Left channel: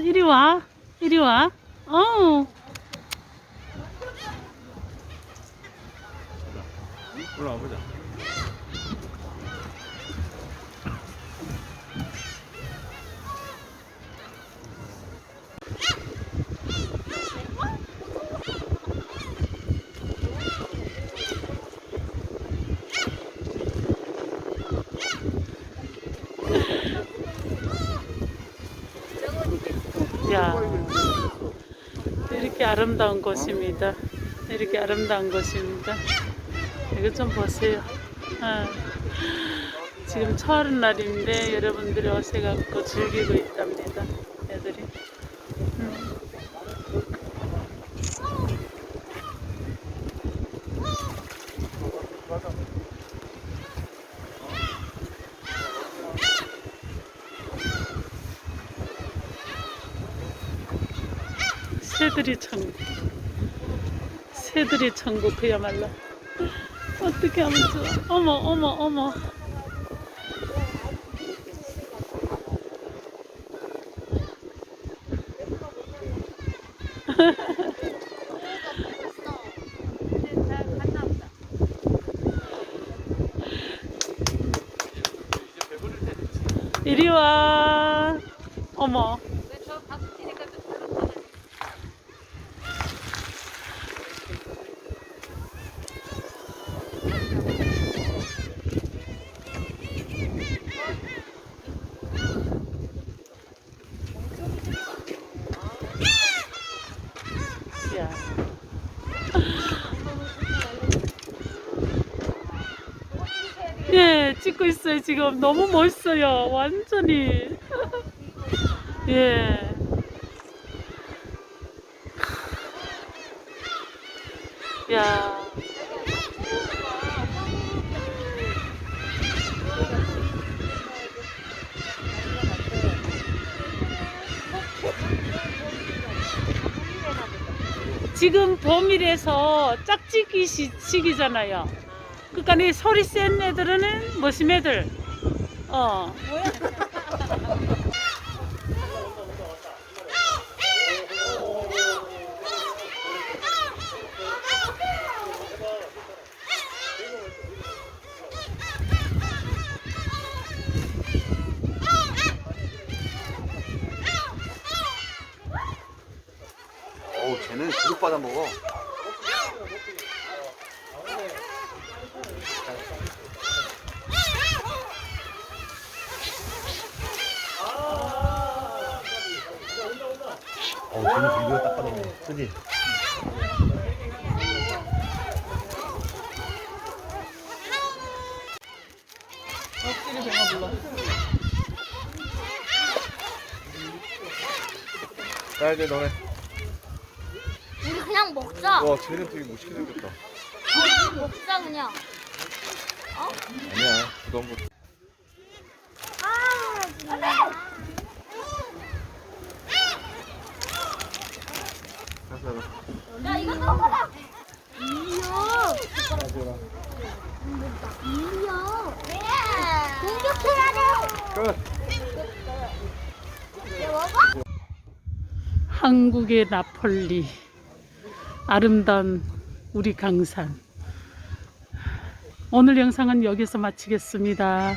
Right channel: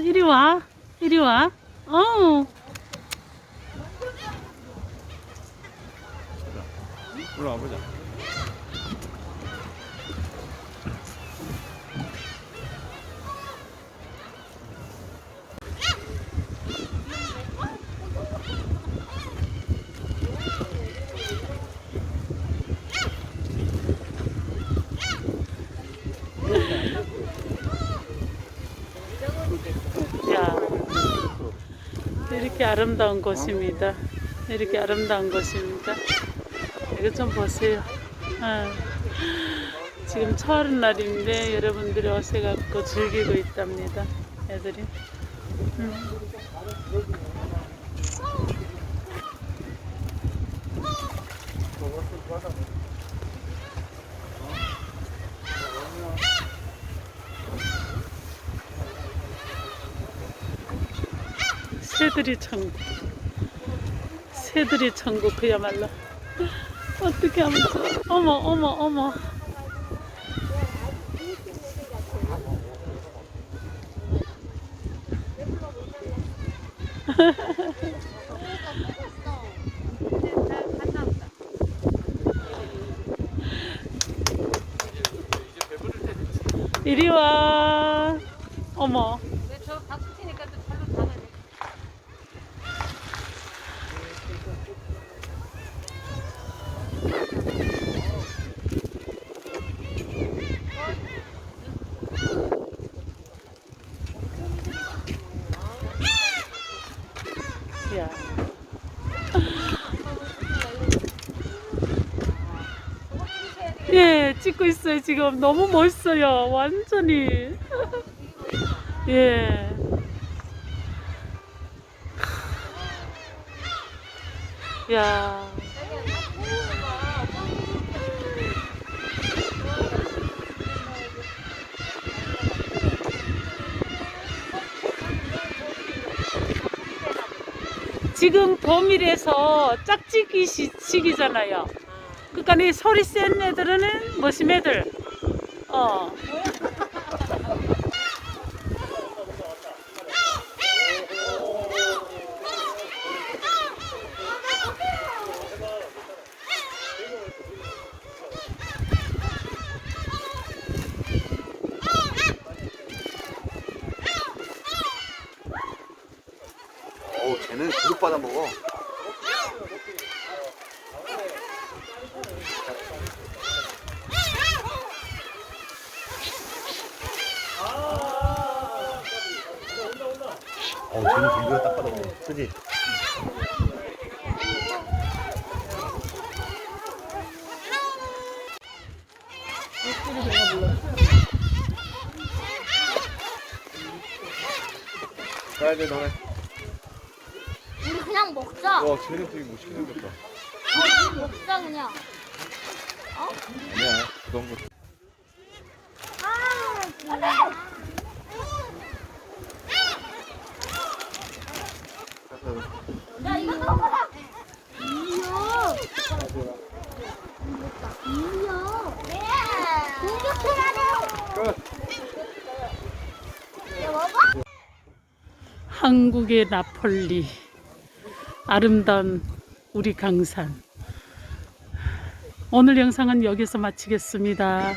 우 이리 와 이리 와 아우 올라와 보자. 야 이렇게 아름다운 곳입니다. 이렇게 아름다운 곳입니다. 이거 좀 보세요. 아, 지금 철은 날인데 여러분들이 오셔갖고 즐기고 있답니다. 애들이. 음. 새들이 천국. 새들이 천국 그야말로. 어떻게 하면 좋아? 어머 어머 어머. 이리 와. 어머 야. 예, 찍고 있어요, 지금. 너무 멋있어요. 완전히. 예. 야. 지금 봄이라서 짝짓기 시- 시기잖아요. 그러니까 이 소리 센 애들은 뭐심 애들. 어. 어우, 쟤는 계속 받아 먹어. 어우, 쟤는 공기가 딱 받아 먹어. 그지? 가야 돼, 너네. 우리 그냥 먹자. 와, 쟤는 되게 멋있게 생겼다. 그냥. 아니야, 부담 거. 야 이거 먹어라. 인형. 인형. 공격해야 돼. 끝. 한국의 나폴리. 아름다운 우리 강산. 오늘 영상은 여기서 마치겠습니다.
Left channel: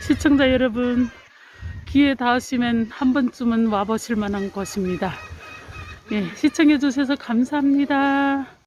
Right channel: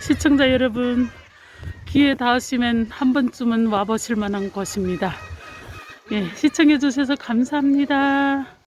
시청자 여러분, 기회 닿으시면 한 번쯤은 와보실 만한 곳입니다. 예, 시청해 주셔서 감사합니다.